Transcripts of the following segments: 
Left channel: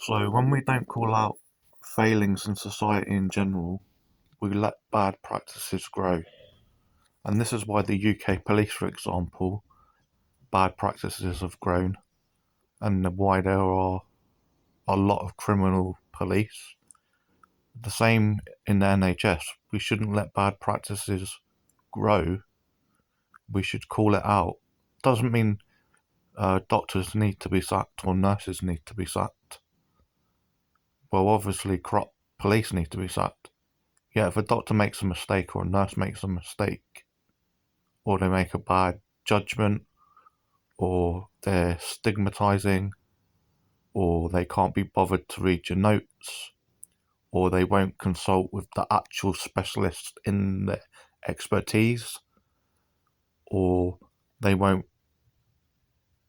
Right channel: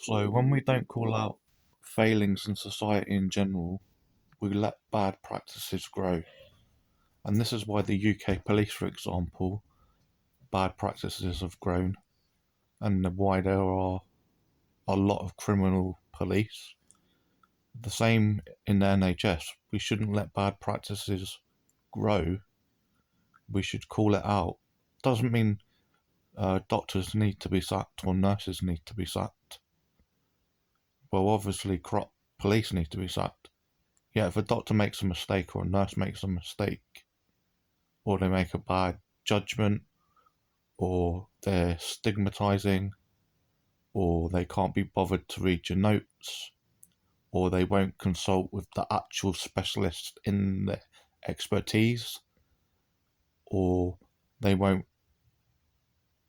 So when we don't call out failings in society in general, we let bad practices grow. And this is why the UK police, for example, bad practices have grown, and why there are a lot of criminal police. The same in the NHS. We shouldn't let bad practices grow. We should call it out. Doesn't mean doctors need to be sacked or nurses need to be sacked. Well, obviously, corrupt police need to be sacked. Yeah, if a doctor makes a mistake or a nurse makes a mistake, or they make a bad judgment, or they're stigmatizing, or they can't be bothered to read your notes, or they won't consult with the actual specialist in their expertise, or they won't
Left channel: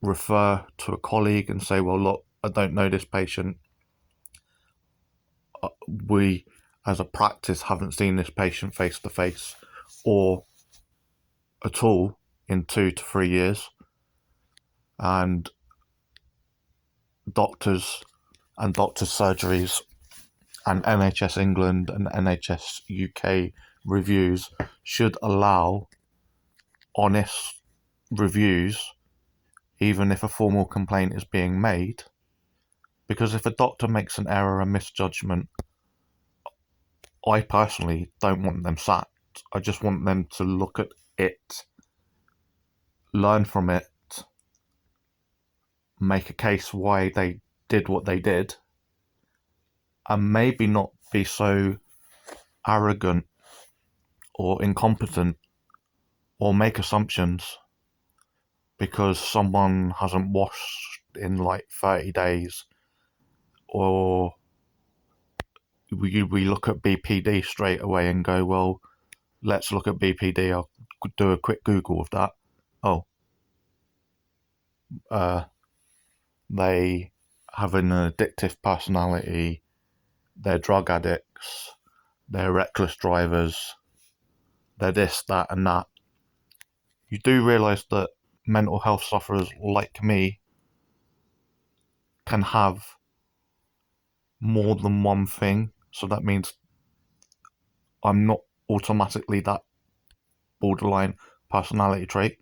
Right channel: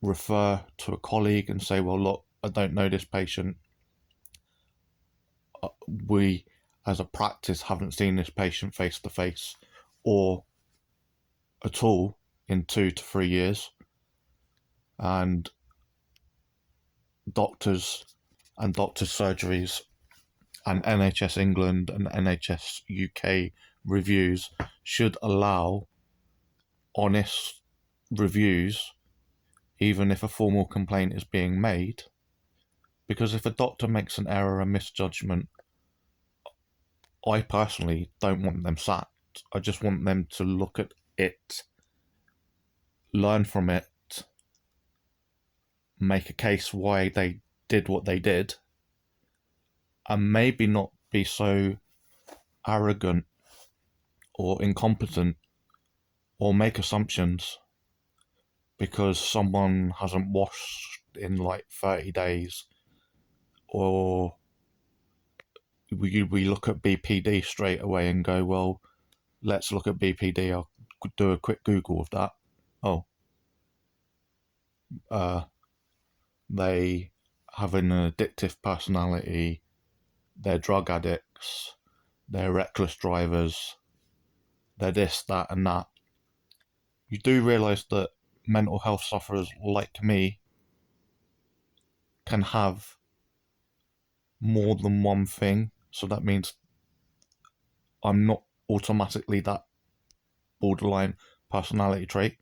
refer to a colleague and say, well, look, I don't know this patient. We, as a practice, haven't seen this patient face to face or at all in 2 to 3 years. And doctors and doctors' surgeries and NHS England and NHS UK reviews should allow honest reviews, even if a formal complaint is being made. Because if a doctor makes an error, a misjudgment, I personally don't want them sacked. I just want them to look at it, learn from it, make a case why they did what they did, and maybe not be so arrogant or incompetent or make assumptions because someone hasn't washed in like 30 days, or we look at BPD straight away and go, well, let's look at BPD. I'll do a quick Google of that. Oh, they have an addictive personality, they're drug addicts, they're reckless drivers, they're this, that, and that. You do realise that mental health sufferers like me can have more than one thing, so that means I'm not automatically that borderline personality trait,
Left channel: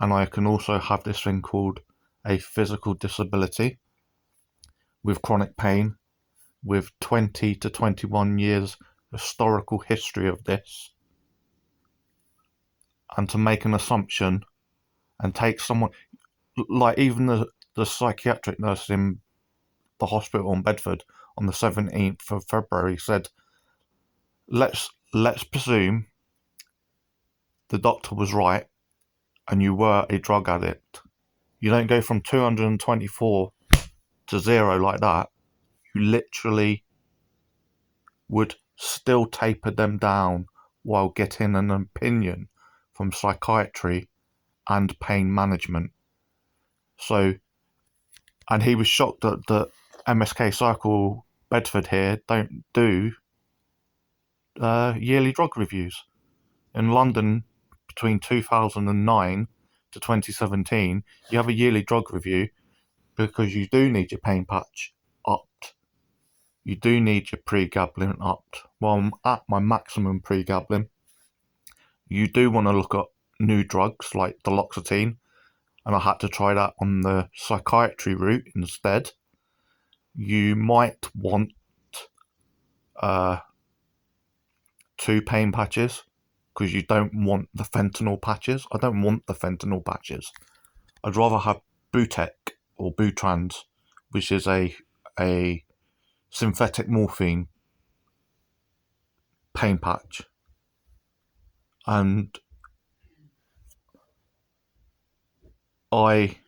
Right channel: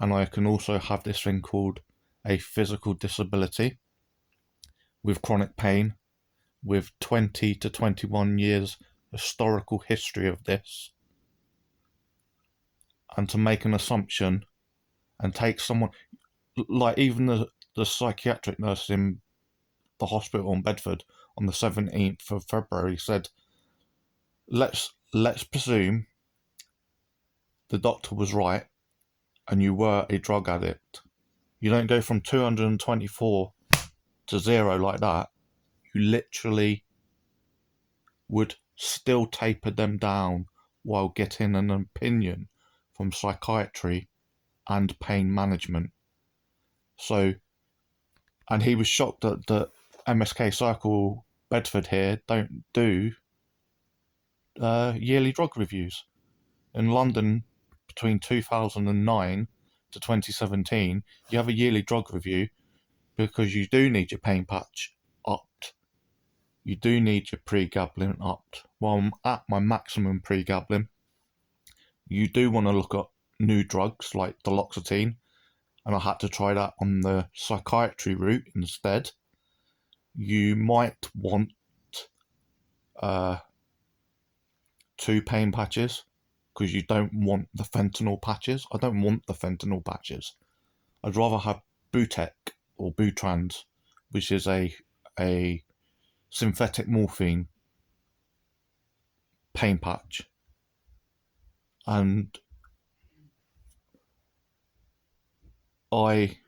and I can also have this thing called a physical disability with chronic pain, with 20 to 21 years historical history of this. And to make an assumption and take someone, like even the psychiatric nurse in the hospital in Bedford on the 17th of February said, let's presume the doctor was right and you were a drug addict. You don't go from 224 to 0 like that. You literally would still taper them down while getting an opinion from psychiatry and pain management. So, and he was shocked that the MSK Circle Bedford here don't do yearly drug reviews. In London, between 2009 to 2017, you have a yearly drug review because you do need your pain patch upped. You do need your pregabalin upped. Well, I'm at my maximum pregabalin. You do want to look at new drugs like duloxetine, and I had to try that on the psychiatry route instead. You might want 2 pain patches because you don't want the fentanyl patches. I don't want the fentanyl patches. I'd rather have Butek or Butrans, which is a synthetic morphine pain patch. And I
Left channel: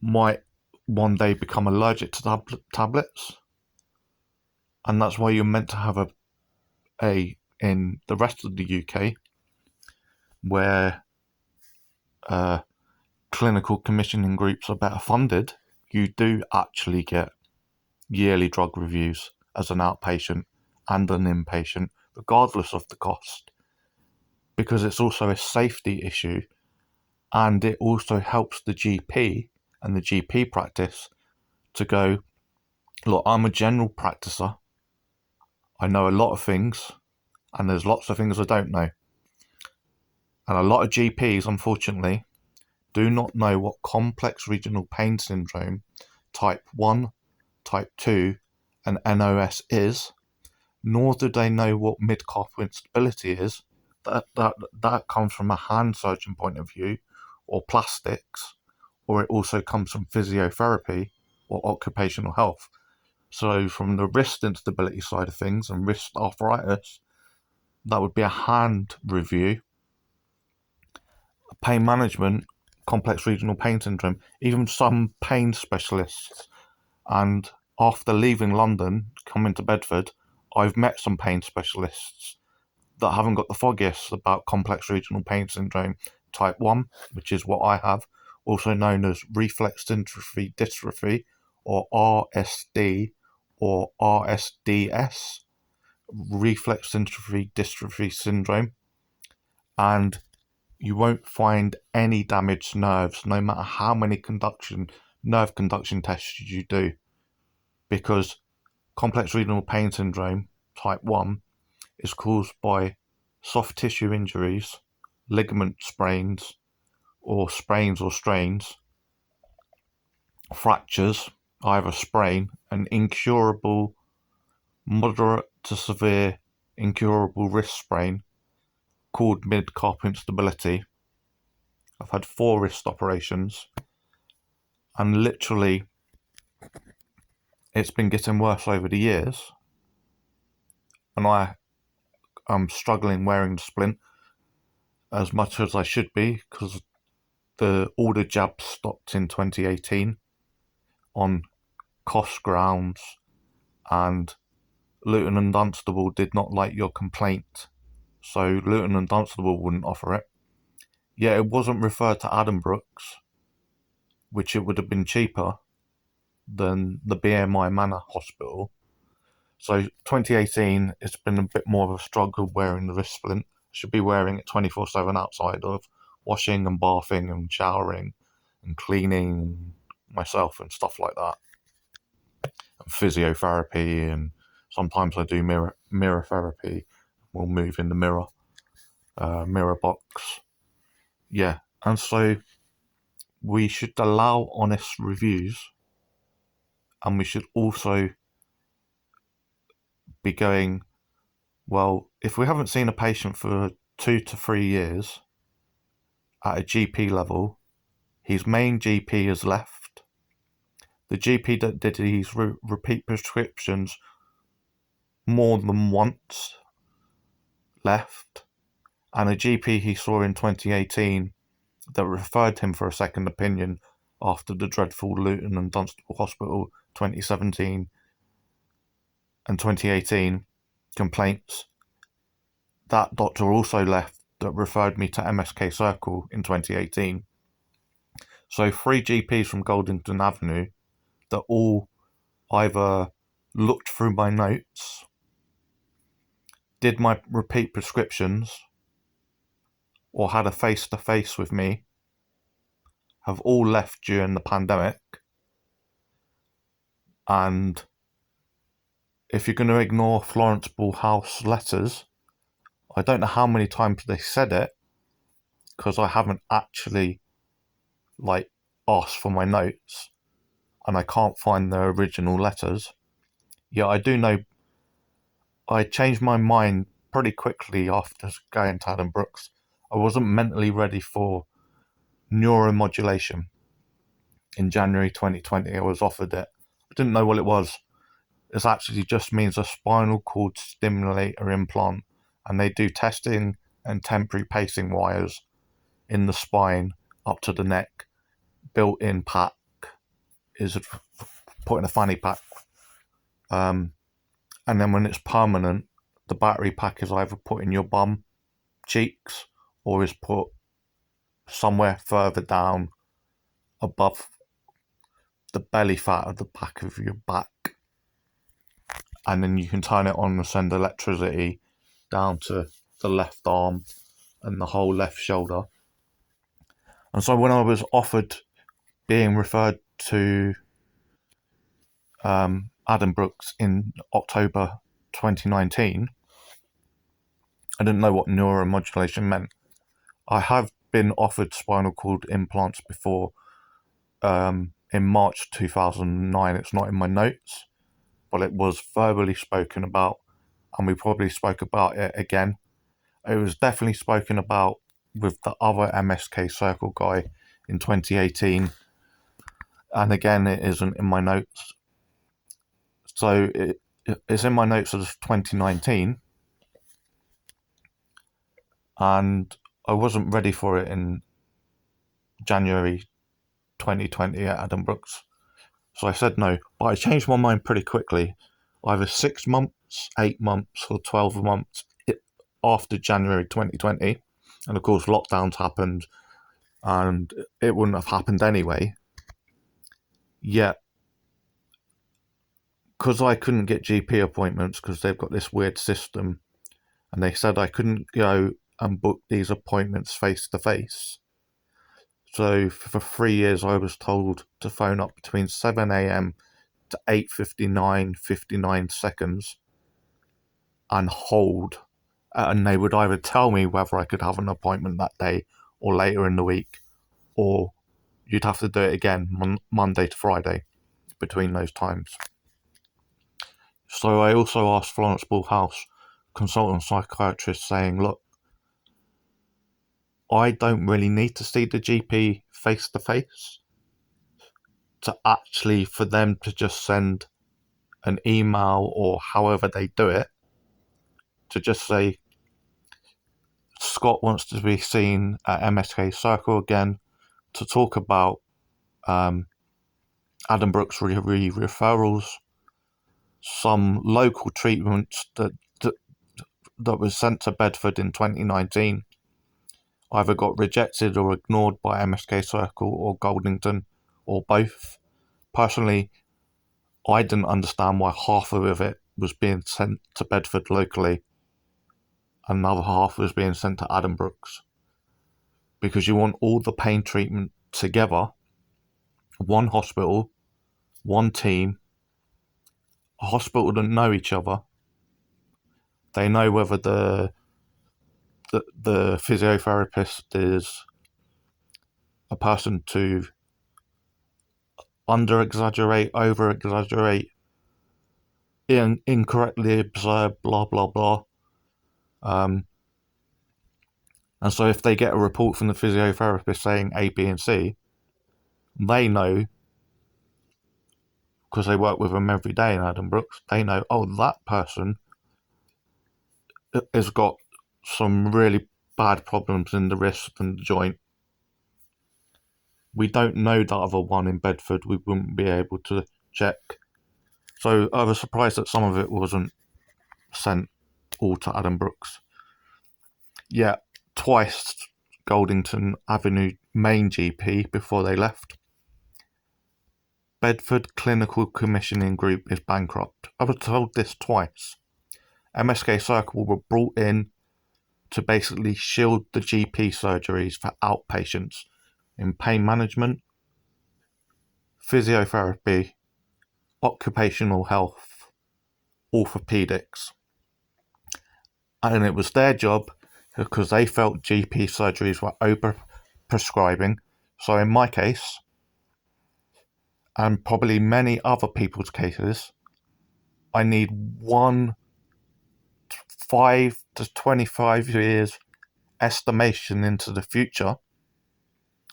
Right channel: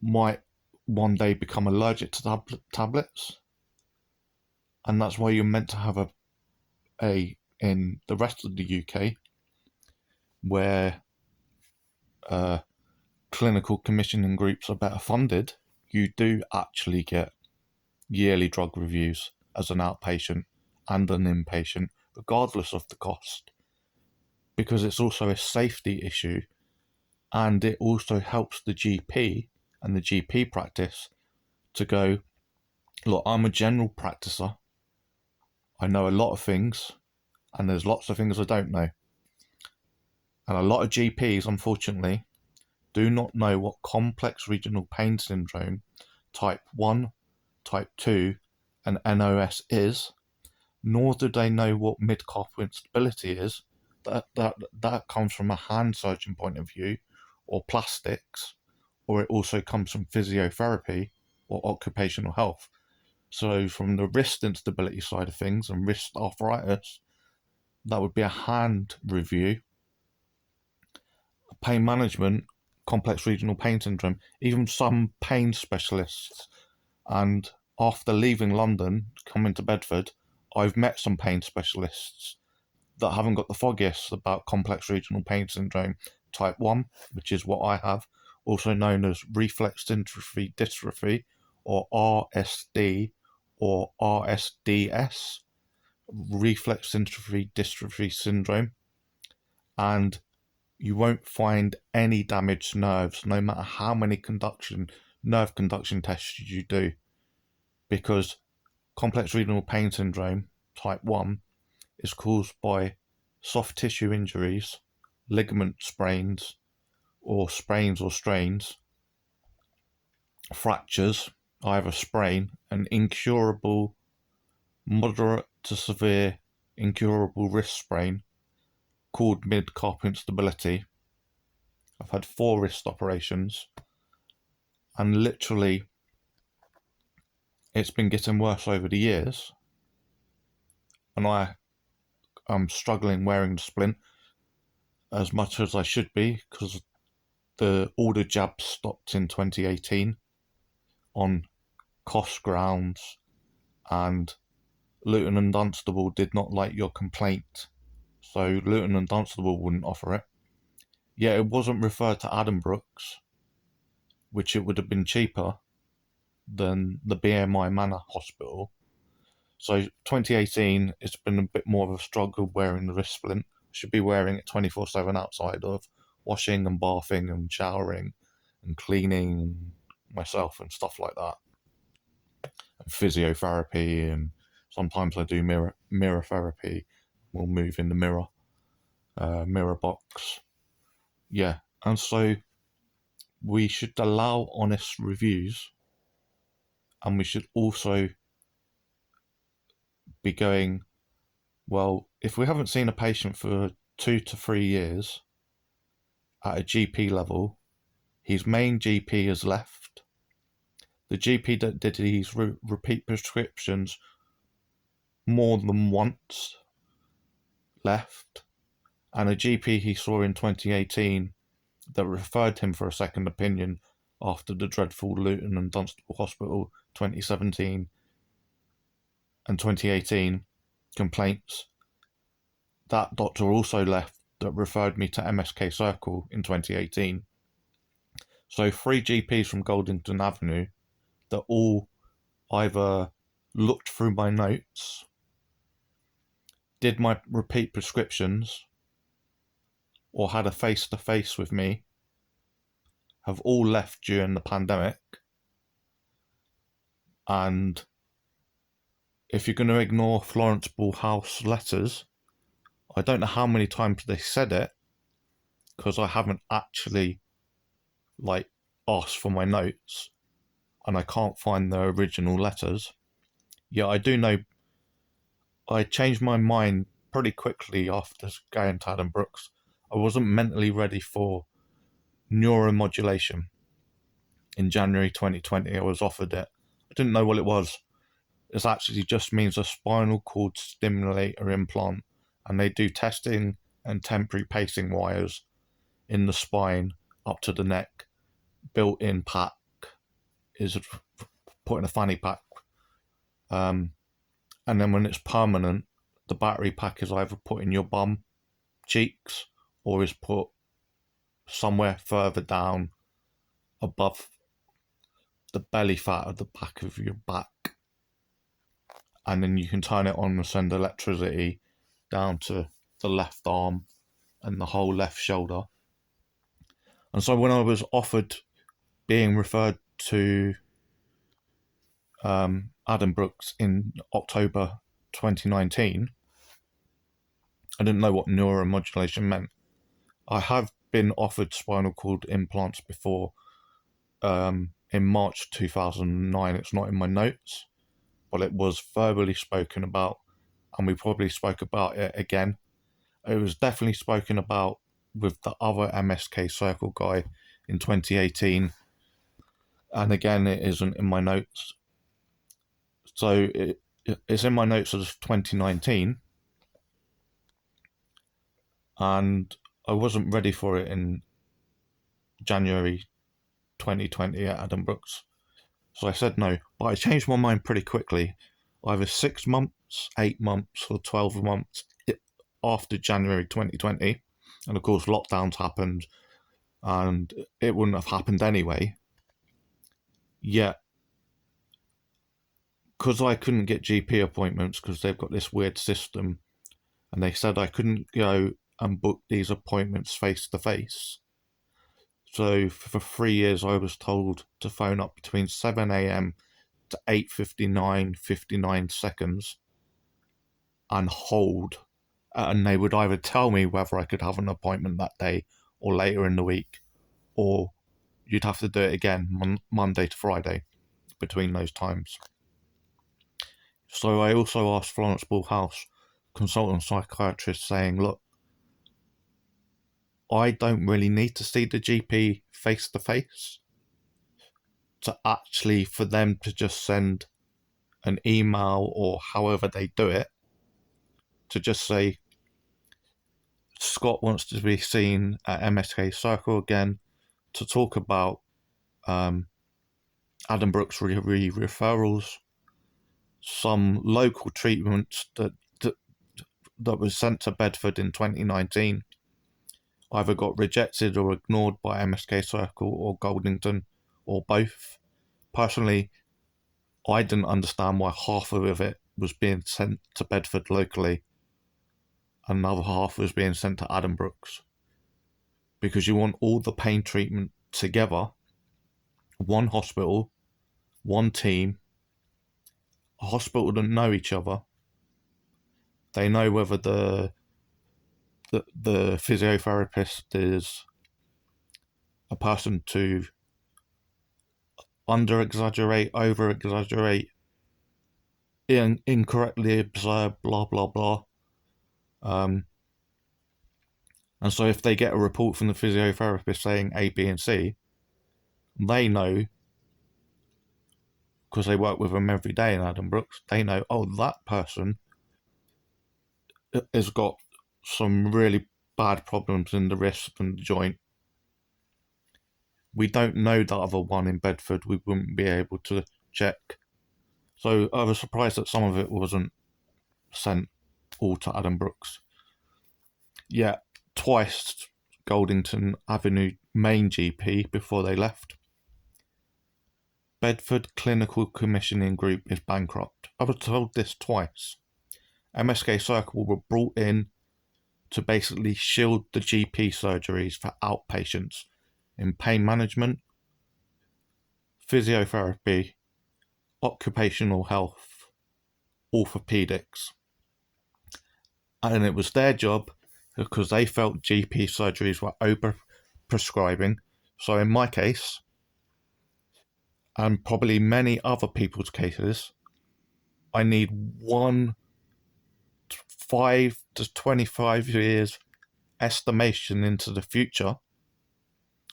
might one day become allergic to tablets, and that's why you're meant to have a in the rest of the UK where clinical commissioning groups are better funded, you do actually get yearly drug reviews as an outpatient and an inpatient, regardless of the cost, because it's also a safety issue, and it also helps the GP and the GP practice to go, look, I'm a general practicer. I know a lot of things, and there's lots of things I don't know. And a lot of GPs, unfortunately, do not know what complex regional pain syndrome type 1, type 2, and NOS is, nor do they know what mid-carpal instability is. That comes from a hand surgeon point of view, or plastics, or it also comes from physiotherapy or occupational health. So from the wrist instability side of things and wrist arthritis, that would be a hand review. Pain management, complex regional pain syndrome, even some pain specialists. And after leaving London, coming to Bedford, I've met some pain specialists that haven't got the foggiest about complex regional pain syndrome type 1, which is what I have, also known as reflex dystrophy dystrophy, or RSD, or RSDS, reflex dystrophy syndrome. And you won't find any damaged nerves, no matter how many nerve conduction tests you do, because complex renal pain syndrome type 1 is caused by soft tissue injuries, ligament sprains, or sprains or strains, fractures, either sprain, an incurable, moderate to severe incurable wrist sprain called mid-carpal instability. I've had 4 wrist operations, and literally it's been getting worse over the years, and I'm struggling wearing the splint as much as I should be, because all the jabs stopped in 2018 on cost grounds, and Luton and Dunstable did not like your complaint, so Luton and Dunstable wouldn't offer it. Yet it wasn't referred to Addenbrooke's, which it would have been cheaper than the BMI Manor Hospital. So 2018, it's been a bit more of a struggle wearing the wrist splint. Should be wearing it 24/7 outside of washing and bathing and showering and cleaning myself and stuff like that. And physiotherapy, and sometimes I do mirror therapy. We'll move in the mirror box. Yeah, and so we should allow honest reviews, and we should also be going, well, if we haven't seen a patient for 2 to 3 years at a GP level, his main GP has left. The GP that did his repeat prescriptions more than once left, and a GP he saw in 2018 that referred him for a second opinion after the dreadful Luton and Dunstable Hospital 2017 and 2018 complaints. That doctor also left that referred me to MSK Circle in 2018. So 3 GPs from Goldington Avenue that all either looked through my notes, did my repeat prescriptions, or had a face-to-face with me, have all left during the pandemic. And if you're going to ignore Florence Ball House letters, I don't know how many times they said it, because I haven't actually asked for my notes, and I can't find the original letters. Yeah, I do know I changed my mind pretty quickly after going to Addenbrooke's. I wasn't mentally ready for neuromodulation. In January 2020, I was offered it. I didn't know what it was. It actually just means a spinal cord stimulator implant, and they do testing and temporary pacing wires in the spine up to the neck. Built-in pack is put in a fanny pack. And then when it's permanent, the battery pack is either put in your bum cheeks or is put somewhere further down above the belly fat of the back of your back. And then you can turn it on and send electricity down to the left arm and the whole left shoulder. And so when I was offered being referred to Adam Brooks in October 2019, I didn't know what neuromodulation meant. I have been offered spinal cord implants before in March 2009. It's not in my notes, but it was verbally spoken about, and we probably spoke about it again. It was definitely spoken about with the other MSK Circle guy in 2018, and again, it isn't in my notes. So it's in my notes as 2019, and I wasn't ready for it in January 2020 at Adam Brooks. So I said no, but I changed my mind pretty quickly. Either 6 months, 8 months, or 12 months after January 2020. And of course, lockdowns happened, and it wouldn't have happened anyway. Yet, because I couldn't get GP appointments because they've got this weird system, and they said I couldn't go and book these appointments face to face. So for 3 years, I was told to phone up between 7 a.m. to 8:59 seconds and hold. And they would either tell me whether I could have an appointment that day or later in the week, or you'd have to do it again Monday to Friday between those times. So I also asked Florence Bullhouse, consultant psychiatrist, saying, look, I don't really need to see the GP face to face to actually for them to just send an email or however they do it to just say, Scott wants to be seen at MSK Circle again to talk about Adam Brooks referrals, some local treatments that was sent to Bedford in 2019 either got rejected or ignored by MSK Circle or Goldington or both. Personally, I didn't understand why half of it was being sent to Bedford locally and another half was being sent to Adam Brooks. Because you want all the pain treatment together, one hospital, one team, a hospital that know each other. They know whether the physiotherapist is a person to under-exaggerate, over-exaggerate, incorrectly observe, blah, blah, blah. And so if they get a report from the physiotherapist saying A, B, and C, they know, because they work with them every day in Adam Brooks, they know, oh, that person has got some really bad problems in the wrist and the joint. We don't know the other one in Bedford. We wouldn't be able to check. So I was surprised that some of it wasn't sent all to Adam Brooks. Yeah, twice Goldington Avenue main GP before they left. Bedford Clinical Commissioning Group is bankrupt. I was told this twice. MSK Circle were brought in to basically shield the GP surgeries for outpatients in pain management, physiotherapy, occupational health, orthopedics. And it was their job because they felt GP surgeries were over-prescribing. So in my case, and probably many other people's cases, I need 5 to 25 years estimation into the future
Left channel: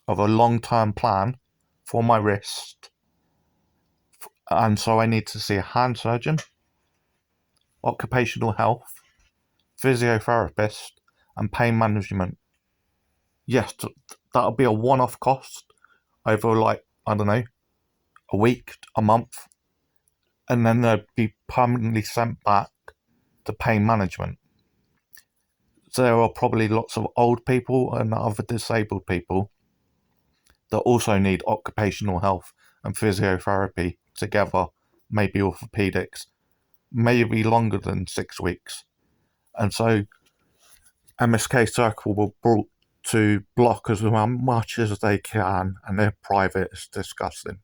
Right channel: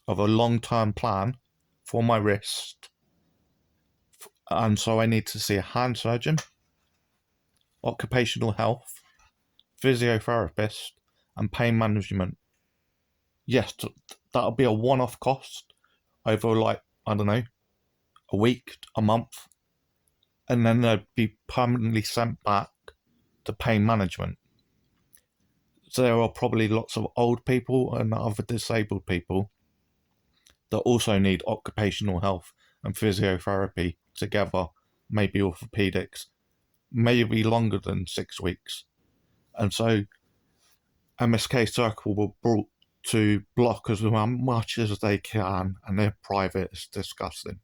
of a long-term plan for my wrist. And so I need to see a hand surgeon, occupational health, physiotherapist, and pain management. Yes, that'll be a one-off cost over like, I don't know, a week, a month, and then they'd be permanently sent back to pain management. So there are probably lots of old people and other disabled people that also need occupational health and physiotherapy together, maybe orthopedics, maybe longer than 6 weeks. And so MSK Circle were brought to block as much as they can, and they're private. It's disgusting.